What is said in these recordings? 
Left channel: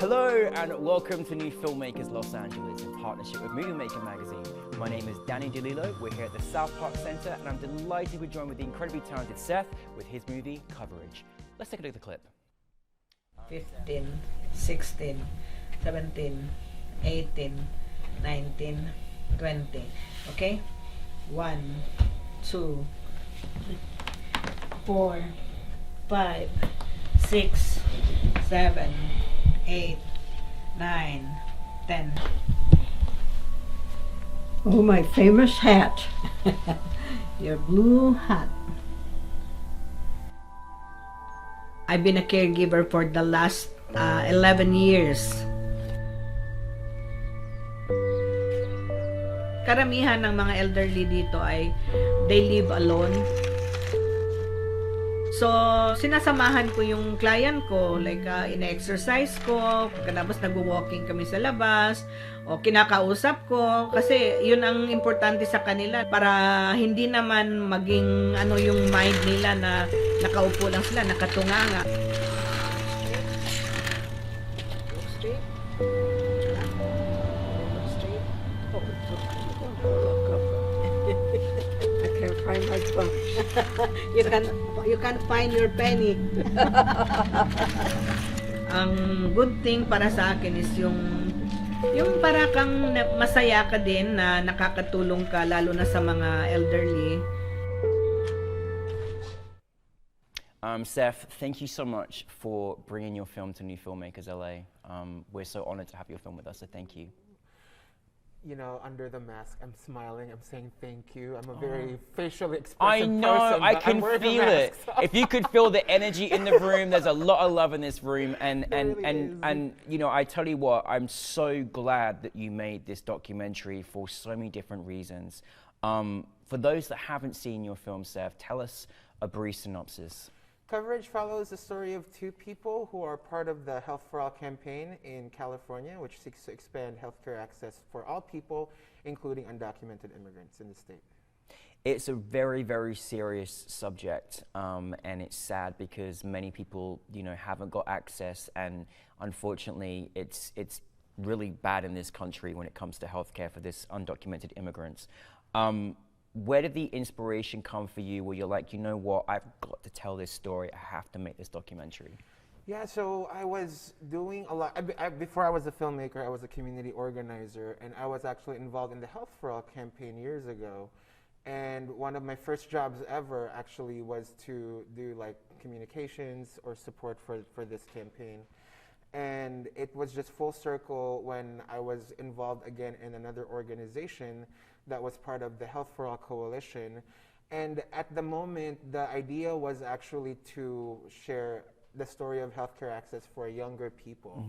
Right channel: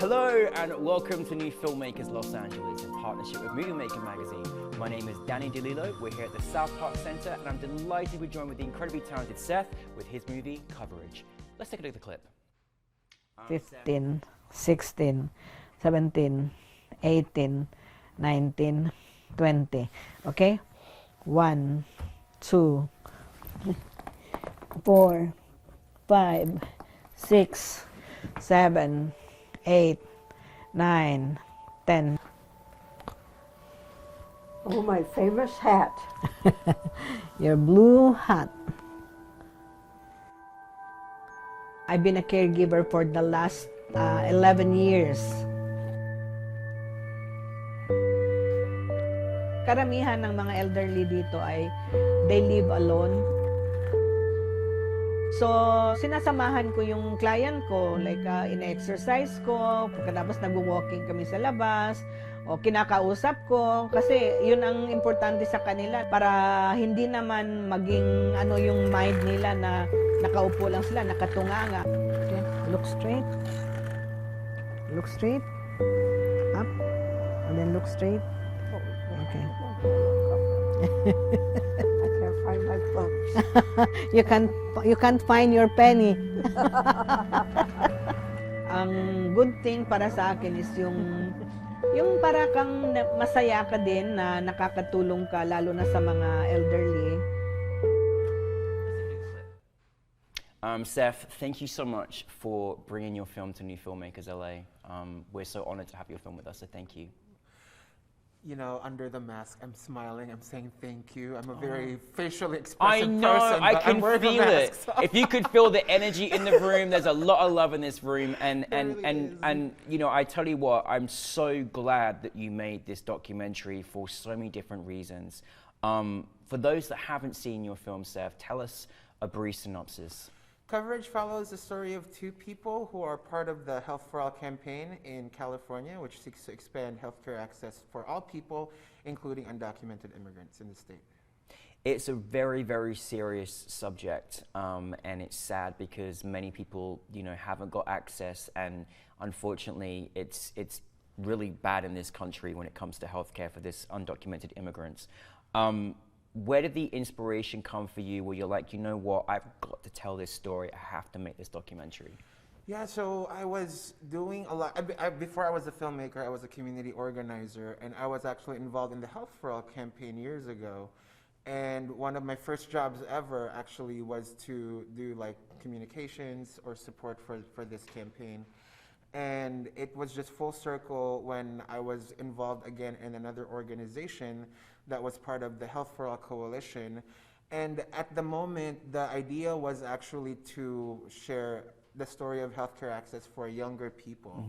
Hello and welcome to New Filmmakers Los Angeles in partnership with Movie Maker magazine. My name is Danny DeLillo. We're here at the South Park Center and I'm delighted we're joined with the incredibly talented Seth with his movie Coverage. Let's take a look at the clip. 15, 16, 17, 18, 19, 20. Okay? 1, 2, 4, 5, 6, 7, 8, 9, 10. Oh, my famous hat. Your blue hat. I've been a caregiver for the last 11 years. Karamihan ng mga elderly dito ay they live alone. So, sinasamahan ko yung client ko, like ina-exercise ko, pagkatapos nag-walking kami sa labas, o kinakausap ko, kasi yun ang importante sa kanila para hindi naman maging ano yung mind nila na nakaupo lang sila, nakatunganga. Look straight. Look straight. Huh? And then look straight. I can't find my phone. You can't find your penny. Ang good thing para sa akin is yung para kang masaya ka din na nakakatulong ka lalo na sa mga elderly. Seth, thank you so much for bringing your film to New Filmmakers LA. We're so honored to have your film with us, so thank you. You know, under the mask, I'm smiling, I'm saying thank you. I'm a very facially expressive I know, person, I but can I'm wearing a feel it. mask, so- If you could feel the energy in the room, there's a lot of love in this room. And you know, I tell you what, I'm so glad that you made this documentary for so many different reasons. For those that haven't seen your film, Seth, tell us a brief synopsis. Coverage follows the story of two people who are part of the Health for All campaign in California, which seeks to expand healthcare access for all people, including undocumented immigrants in the state. It's a very, very serious subject, and it's sad because many people, you know, haven't got access, and unfortunately, it's really bad in this country when it comes to healthcare for this undocumented immigrants. Where did the inspiration come for you where you're like, you know what, I've got to tell this story, I have to make this documentary? Yeah, so I was doing a lot. Before I was a filmmaker, I was a community organizer, and I was actually involved in the Health for All campaign years ago. And one of my first jobs ever actually was to do like communications or support for this campaign. And it was just full circle when I was involved again in another organization that was part of the Health for All Coalition. And at the moment, the idea was actually to share the story of healthcare access for younger people.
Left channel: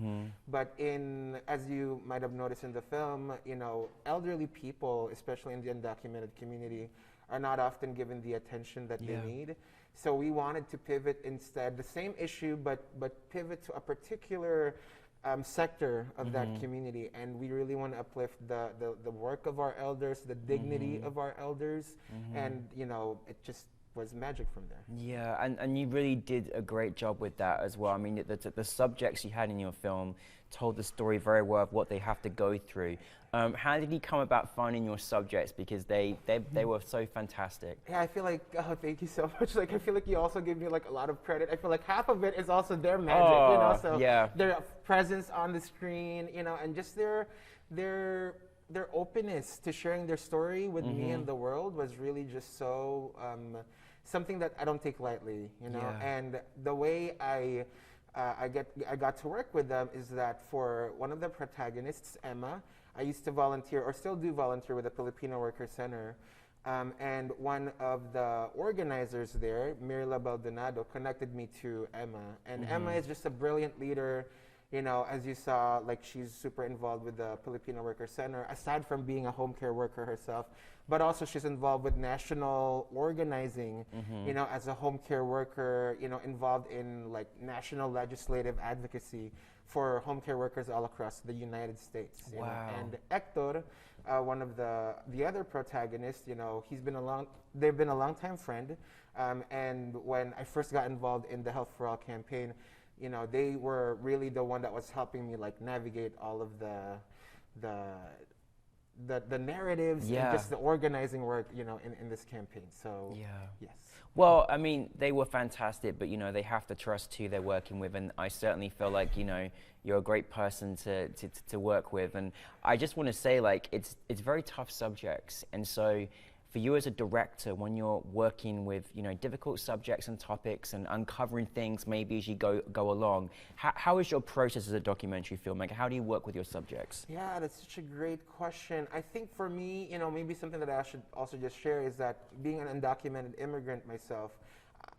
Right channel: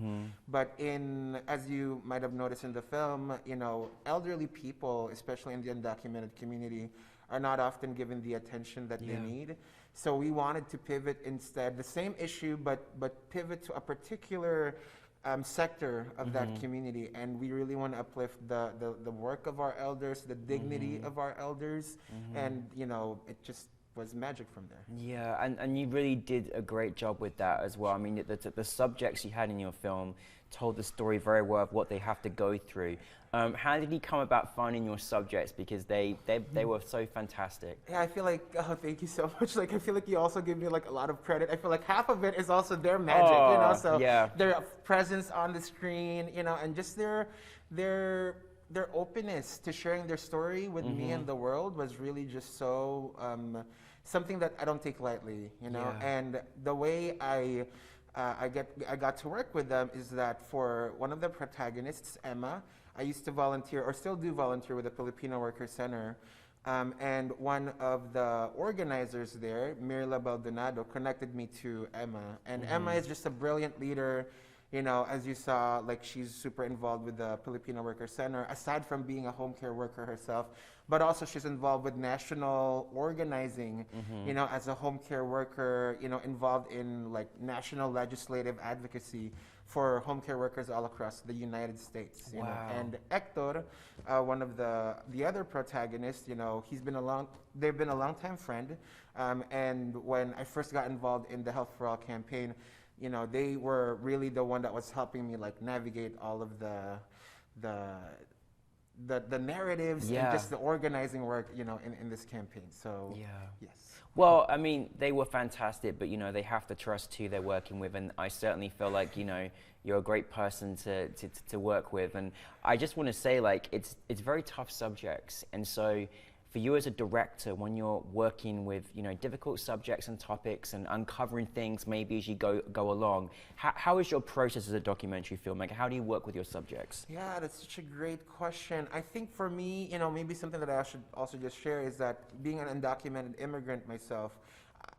But as you might have noticed in the film, you know, elderly people, especially in the undocumented community, are not often given the attention that they need. So we wanted to pivot instead, the same issue, but pivot to a particular sector of that community, and we really want to uplift the work of our elders, the dignity of our elders, and you know, it just was magic from there. Yeah, and you really did a great job with that as well. I mean, the subjects you had in your film told the story very well of what they have to go through. How did you come about finding your subjects? Because they were so fantastic. Yeah, I feel like, oh, thank you so much. Like, I feel like you also give me like a lot of credit. I feel like half of it is also their magic, you know. So their presence on the screen, you know, and just their openness to sharing their story with me and the world was really just so something that I don't take lightly, you know. And the way I got to work with them is that for one of the protagonists, Emma, I used to volunteer, or still do volunteer, with the Filipino Worker Center. And one of the organizers there, Mirla Baldonado, connected me to Emma. And Emma is just a brilliant leader. You know, as you saw, like, she's super involved with the Filipino Worker Center, aside from being a home care worker herself, but also she's involved with national organizing, you know, as a home care worker, you know, involved in like national legislative advocacy for home care workers all across the United States. You know? And Hector, one of the other protagonists, you know, they've been a long time friend. And when I first got involved in the Health for All campaign, you know, they were really the one that was helping me like navigate all of the narratives and just the organizing work, you know, in this campaign. So yes. Well, I mean, they were fantastic, but you know, they have to trust who they're working with, and I certainly feel like, you know, you're a great person to work with. And I just want to say, like, it's very tough subjects, and so for you as a director, when you're working with, you know, difficult subjects and topics and uncovering things maybe as you go along, how is your process as a documentary filmmaker? How do you work with your subjects? Yeah, that's such a great question. I think for me, you know, maybe something that I should also just share is that being an undocumented immigrant myself,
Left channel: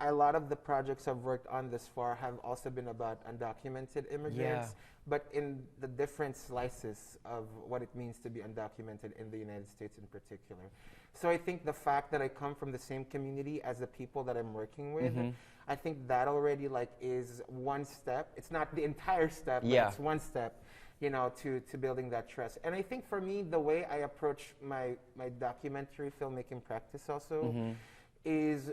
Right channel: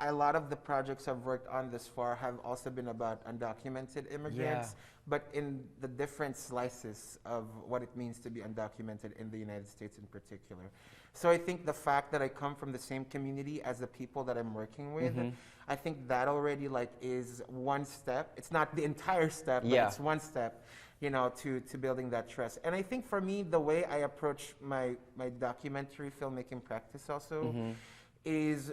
a lot of the projects I've worked on this far have also been about undocumented immigrants, but in the different slices of what it means to be undocumented in the United States in particular. So I think the fact that I come from the same community as the people that I'm working with, I think that already like is one step. It's not the entire step, but it's one step, you know, to building that trust. And I think for me, the way I approach my documentary filmmaking practice also is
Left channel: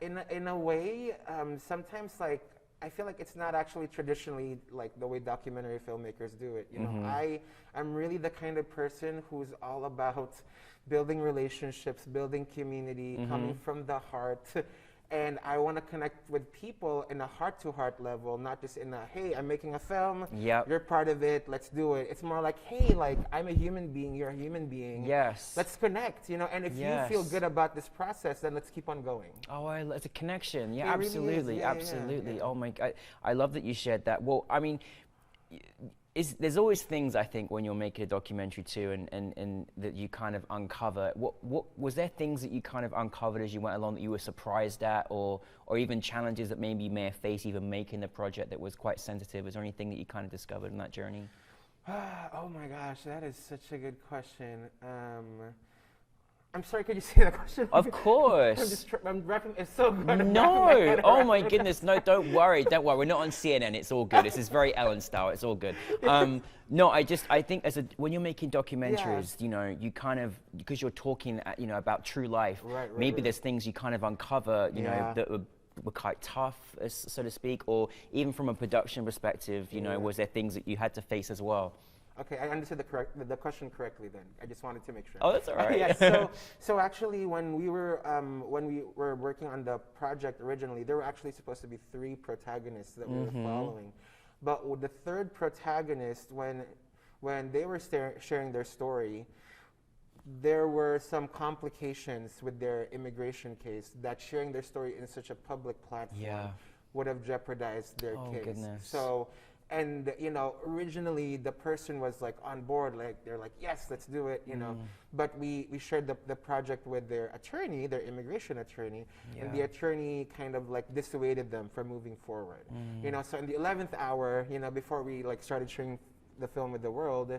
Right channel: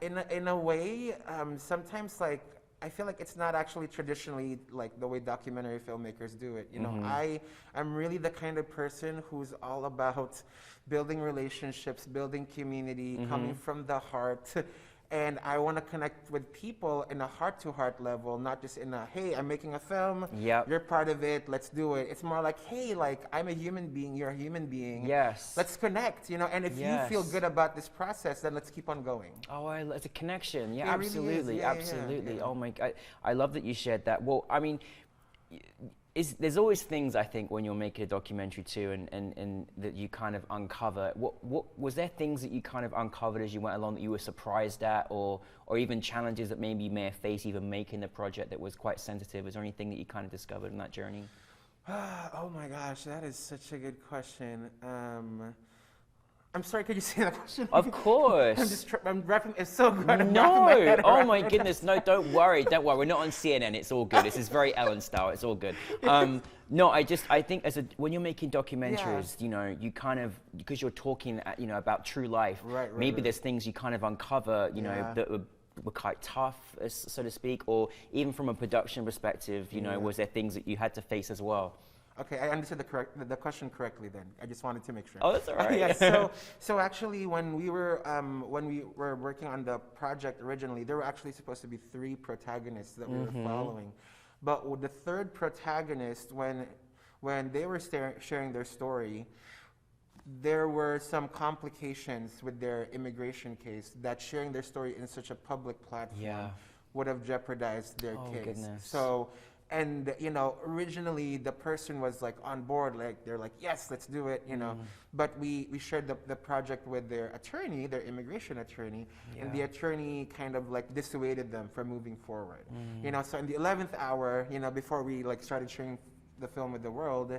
in a way, sometimes like I feel like it's not actually traditionally like the way documentary filmmakers do it. You know, I'm really the kind of person who's all about building relationships, building community, coming from the heart. And I want to connect with people in a heart-to-heart level, not just in a, hey, I'm making a film, you're part of it, let's do it. It's more like, hey, like, I'm a human being, you're a human being. Yes. Let's connect, you know, and if you feel good about this process, then let's keep on going. Oh, it's a connection. Yeah, It really absolutely, is. absolutely. Oh my God, I love that you shared that. Well, I mean, there's always things, I think, when you're making a documentary too, and that you kind of uncover. What was there things that you kind of uncovered as you went along that you were surprised at, or even challenges that maybe you may have faced even making the project that was quite sensitive? Is there anything that you kind of discovered in that journey? Oh my gosh, that is such a good question. I'm sorry, could you say that question? Of course. I'm rapping, it's so good. No, oh my goodness, no, don't worry, we're not on CNN, it's all good. This is very Ellen style, it's all good. No, I think when you're making documentaries, you know, you kind of, because you're talking, you know, about true life, maybe there's things you kind of uncover, you know, that were quite tough, so to speak, or even from a production perspective, you know, was there things that you had to face as well? Okay, I understood the question correctly then. I just wanted to make sure. Oh, that's all right. Yeah, so actually when we were working on the project originally, there were actually supposed to be 3 protagonists that we were following. But with the third protagonist, when they were sharing their story, there were some complications with their immigration case that sharing their story in such a public platform would have jeopardized their case. Goodness. So, and you know, originally the person was like on board, like they're like, yes, let's do it, you know. But we shared the project with their attorney, their immigration attorney, and the attorney kind of like dissuaded them from moving forward. You know, so in the 11th hour, you know, before we like started sharing the film with the world,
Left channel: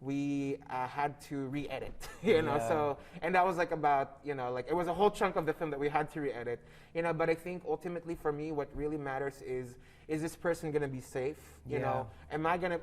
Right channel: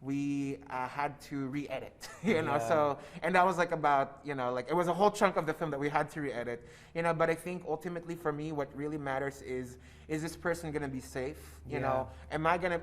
we had to re-edit, you know, so, and that was like about, you know, like it was a whole chunk of the film that we had to re-edit, you know, but I think ultimately for me, what really matters is this person gonna be safe, you know, am I gonna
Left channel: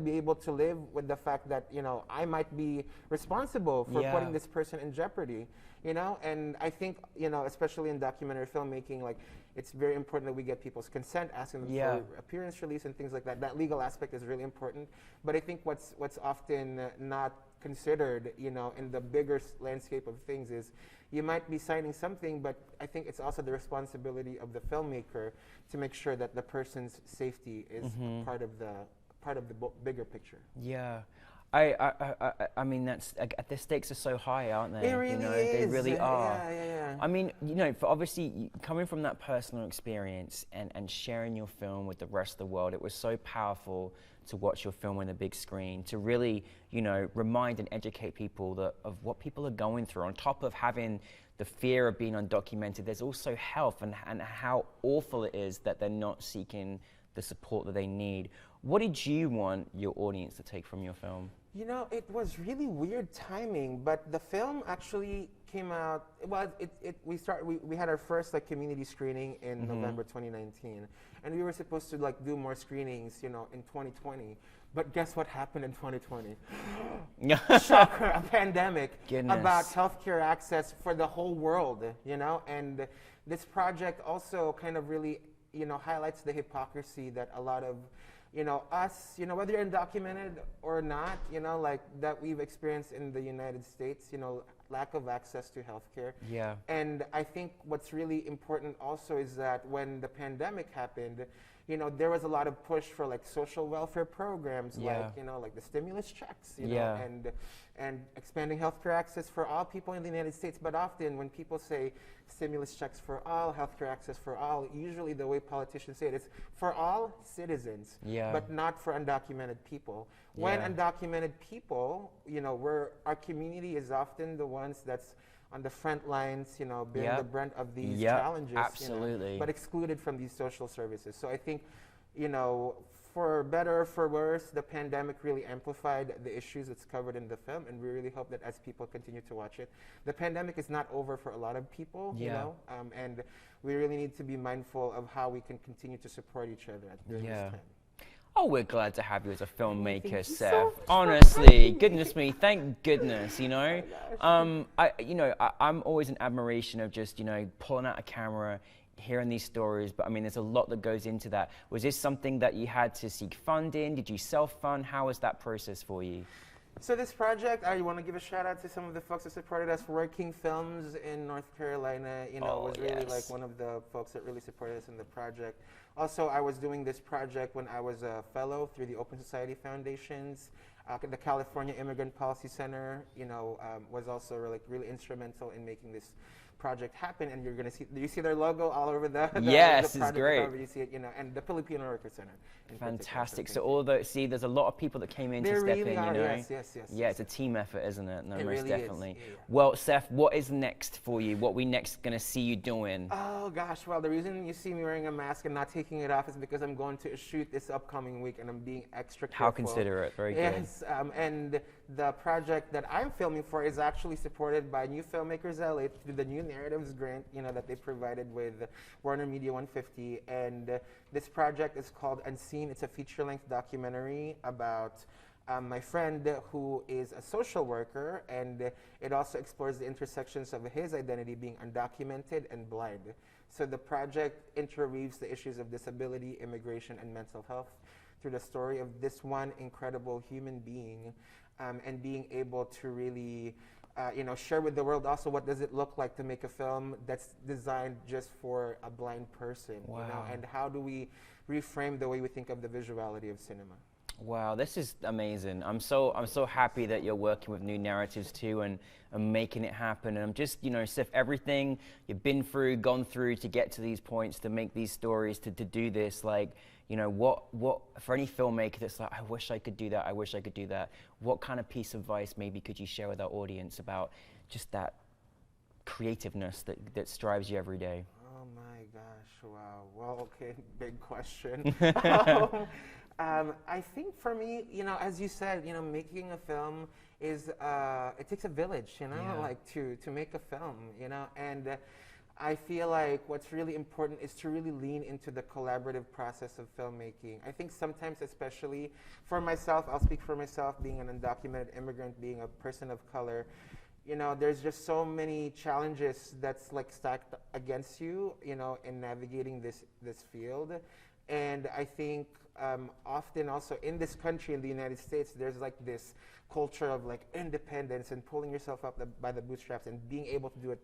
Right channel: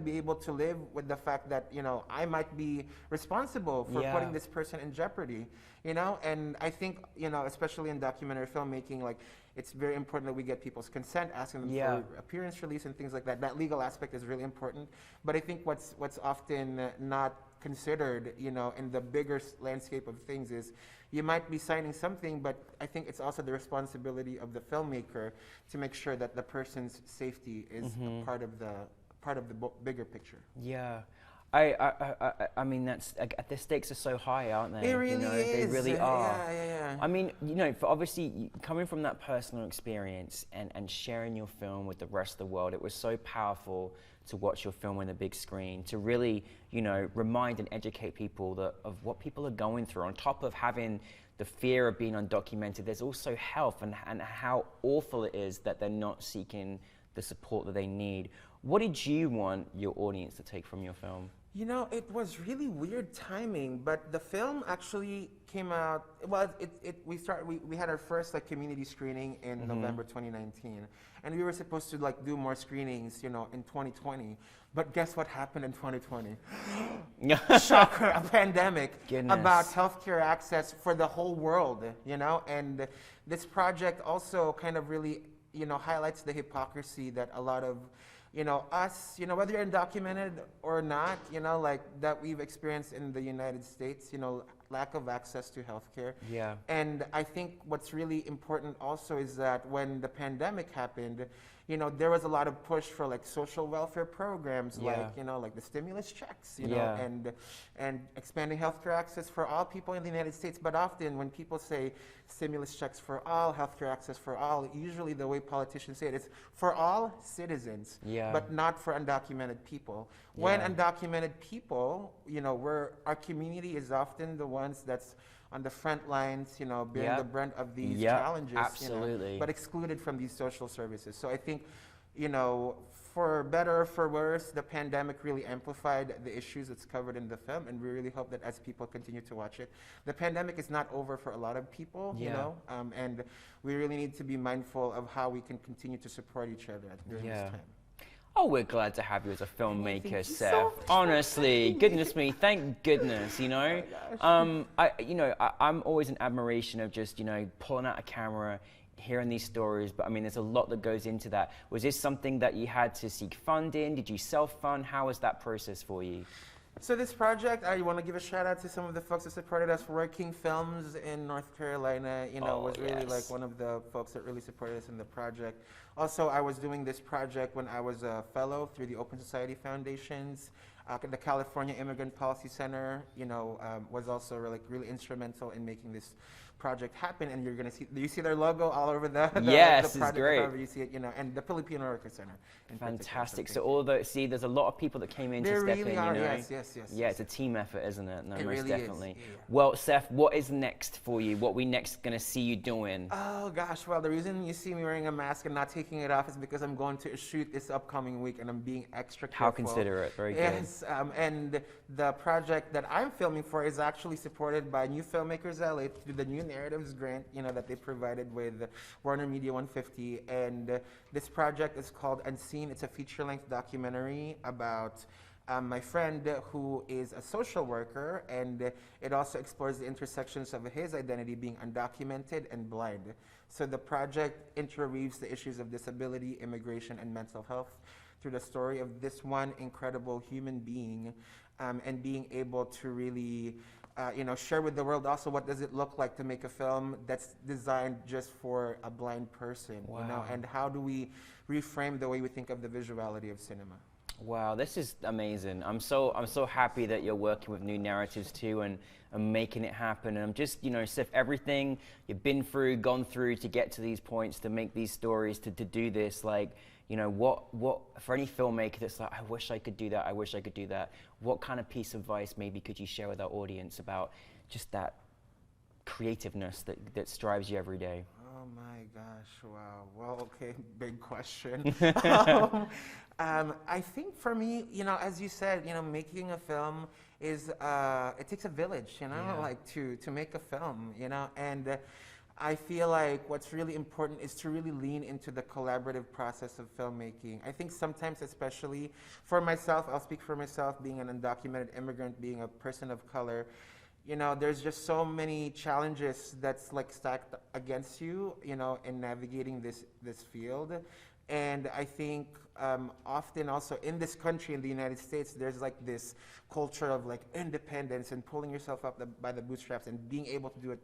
be able to live with the fact that, you know, I might be responsible for putting this person in jeopardy, you know, and I think, you know, especially in documentary filmmaking, like, it's very important that we get people's consent, asking them for appearance release and things like that. That legal aspect is really important. But I think what's often not considered, you know, in the bigger landscape of things is you might be signing something, but I think it's also the responsibility of the filmmaker to make sure that the person's safety is part of the bigger picture. Yeah. I mean, the stakes are so high, aren't they? It really you know, is. They really are. Yeah. I mean, you know, for obviously coming from that personal experience and sharing your film with the rest of the world, it was so powerful to watch your film on the big screen, to really, you know, remind and educate people of what people are going through. On top of having the fear of being undocumented, there's also health and how awful it is that they're not seeking the support that they need. What did you want your audience to take from your film? You know, it was really weird timing, but the film actually came out. Well, we had our first like community screening in November 2019, and we were supposed to like do more screenings, you know, in 2020. But guess what happened in 2020? Shocker, a pandemic about healthcare access for the whole world, you know. And this project also kind of really highlights the hypocrisy that a lot of, us, whether you're undocumented or not, like that we've experienced in the United States, lack of access to healthcare. Yeah. And I think what's really important also is that when the pandemic happened, there was a lot of push for like social welfare programs, like the stimulus checks, and expanding healthcare access for all people in the United States. But often when people say stimulus checks for all, healthcare access for all, usually the way politicians say it is for all citizens, but not for undocumented people. When undocumented people, our community is often the ones that's on the front lines, bearing the brunt of these challenges, absolutely, but excluded from these social services. So I think, for better or for worse, the pandemic really amplified the issues that's covered in the film, and we really hope that as people continue to watch it, the pandemic is not over for a lot of people, and we really need to be mindful of how we can continue to support each other during this time. Oh, we're glad to have you as a filmmaker, Seth. Honestly, goodness me, thank goodness, I'm always in admiration of just, pulling out a camera, hearing these stories, but I mean, there's a lot that goes into that. Was this something that you had to seek funding? Did you self-fund? How was that process for you? So this project, I want to give a shout out to some of the folks that supported us. Working Films in North Carolina, was really like one of the folks that really supported us in the project. Also, I was doing this project when I was a fellow through the Open Society Foundations. The California Immigrant Policy Center, was also really instrumental in making this project happen. And you're going to see, you see their logo all over the yes, the it's great. Cover. You see it, and the Filipino Worker Center. Fantastic. So all the there's a lot of people that came in to step in, Yes. Yeah, it's a team effort, isn't it? No, it most really definitely. Is. Yeah. Well, Seth, what is next for you? What we next going to see you doing? Oh gosh, well the reason you see me wearing a mask and not taking it off is because I'm going to shoot this upcoming week and I'm being extra careful. How considerate, very good. Yes, and the project that I'm filming for is actually supported by NewFilmmakers LA through the New Narratives grant, that they provided with Warner Media 150. And this project is called Unseen. It's a feature-length documentary about my friend who is a social worker, and it also explores the intersections of his identity being undocumented and blind. So the project interweaves the issues of disability, immigration, and mental health through the story of this one incredible human being, and being able to really share with the world also what does it look like to make a film that's designed just for a blind person, and how do we reframe the way we think of the visuality of cinema. Wow, this is amazing. I'm so happy that you're working with New Narratives too, and making it happen. And I'm just, Seth, everything you've been through, gone through to get to these points, to make these stories, to do this, like, what for any filmmaker that's like, I wish I could do that, I wish I could do that. What kind of piece of advice maybe could you share with our audience about just that creativeness that strives you every day? Oh my gosh, wow. Well, okay, big question. I think for me, as you said, making a film is, it takes a village, like to make a film, and I feel like what's really important is to really lean into the collaborative process of filmmaking. I think sometimes, especially for myself, I'll speak for myself, being an undocumented immigrant, being a person of color, there's just so many challenges that's like stacked against you, in navigating this field. And I think often also in this country, in the United States, there's like this culture of like independence and pulling yourself up by the bootstraps and being able to do it,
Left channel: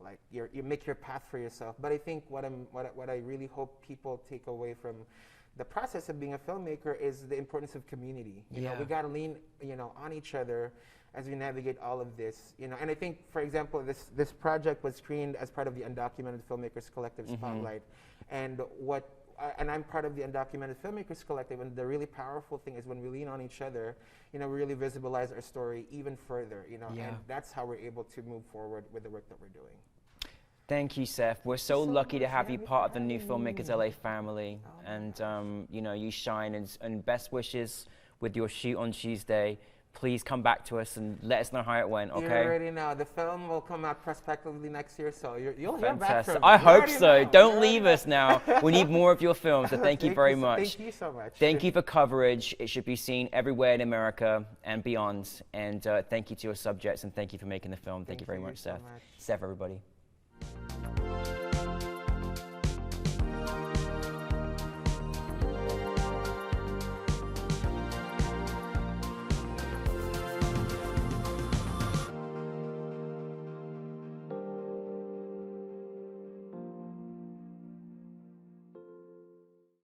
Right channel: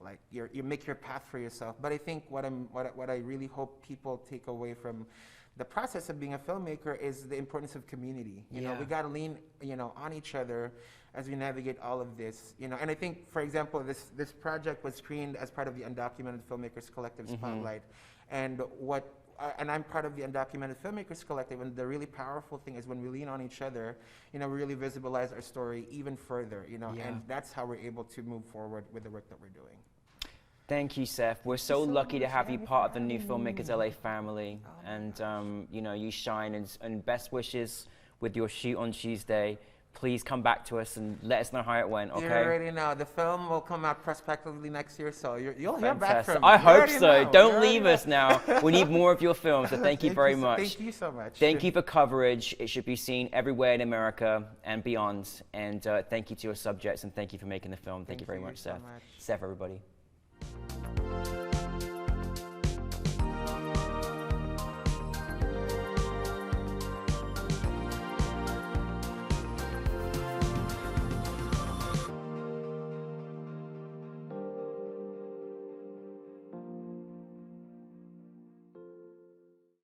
like you make your path for yourself. But I think what I really hope people take away from the process of being a filmmaker is the importance of community. We gotta lean, on each other as we navigate all of this. And I think, for example, this project was screened as part of the Undocumented Filmmakers Collective Spotlight, and and I'm part of the Undocumented Filmmakers Collective, and the really powerful thing is when we lean on each other, we really visibilize our story even further, and that's how we're able to move forward with the work that we're doing. Thank you, Seth. We're so lucky to have you part of the New Filmmakers LA family, and you shine, and best wishes with your shoot on Tuesday. Please come back to us and let us know how it went, okay? You already know. The film will come out prospectively next year, so you'll hear back from me. I hope so. Don't leave us now. We need more of your films, so thank you very much. Thank you so much. Thank you for coverage. It should be seen everywhere in America and beyond. And thank you to your subjects, and thank you for making the film. Thank you very much, Seth. Seth, everybody.